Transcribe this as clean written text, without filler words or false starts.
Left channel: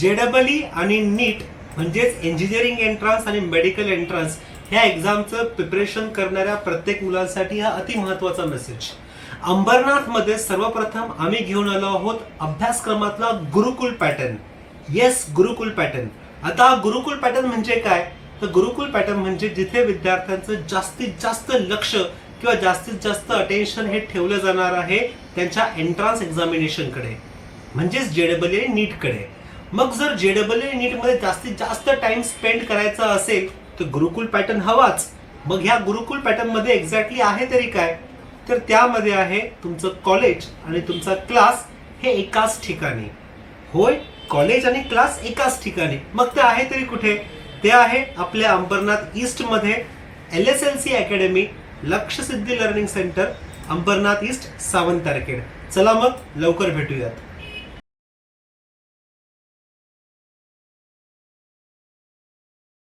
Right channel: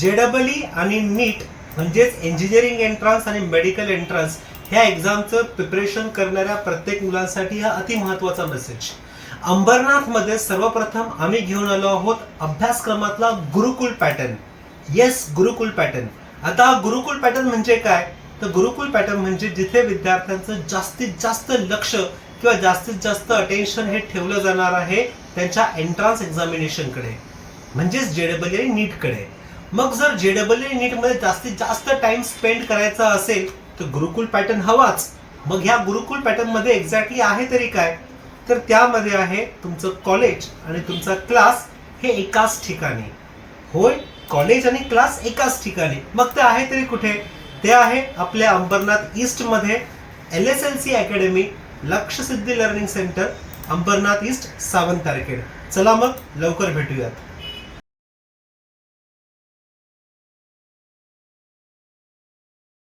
JEE आणि नीट म्हणजेच engineering entrance आणि मेडिकल एंट्रन्स ह्या एक्झामचं प्रिपरेशन करणाऱ्या प्रत्येक मुलांसाठी हा अति महत्त्वाचा मेसेज. अंबरनाथ मध्ये सर्वप्रथम आम्ही घेऊन आलो आहोत अभ्यासक्रमातला गुरुकुल पॅटर्न. येस, गुरुकुल पॅटर्न. आता गुरुकुल पॅटर्न म्हणजे काय? तर गुरुकुल पॅटर्न म्हणजे जिथे विद्यार्थ्यांचं जास्तीत जास्त लक्ष किंवा जास्तीत जास्त अटेन्शन हे ठेवलं जाणार आहे त्यांच्या एंट्रन्स एक्झामिनेशनकडे, म्हणजेच JEE आणि नीटकडे. मग जर JEE आणि नीटमध्ये जास्तीत जास्त टाइम स्पेंड करायचा असेल तर गुरुकुल पॅटर्न हवाच. मग ह्या गुरुकुल पॅटर्न मध्ये एक्झॅक्टली आहे तरी काय? तर त्यामध्ये आहे तुमचं कॉलेज आणि तुमचा क्लास हे एकाच ठिकाणी. होय, कॉलेज आणि क्लास एकाच ठिकाणी. मग ते आहे तरी कुठे? ते आहे आपल्या अंबरनाथ ईस्ट मध्ये LSLC academy, Lakshyasiddhi learning centre, Ambarnath east, Sawant Tarkhed. चला मग लवकर भेटूयात.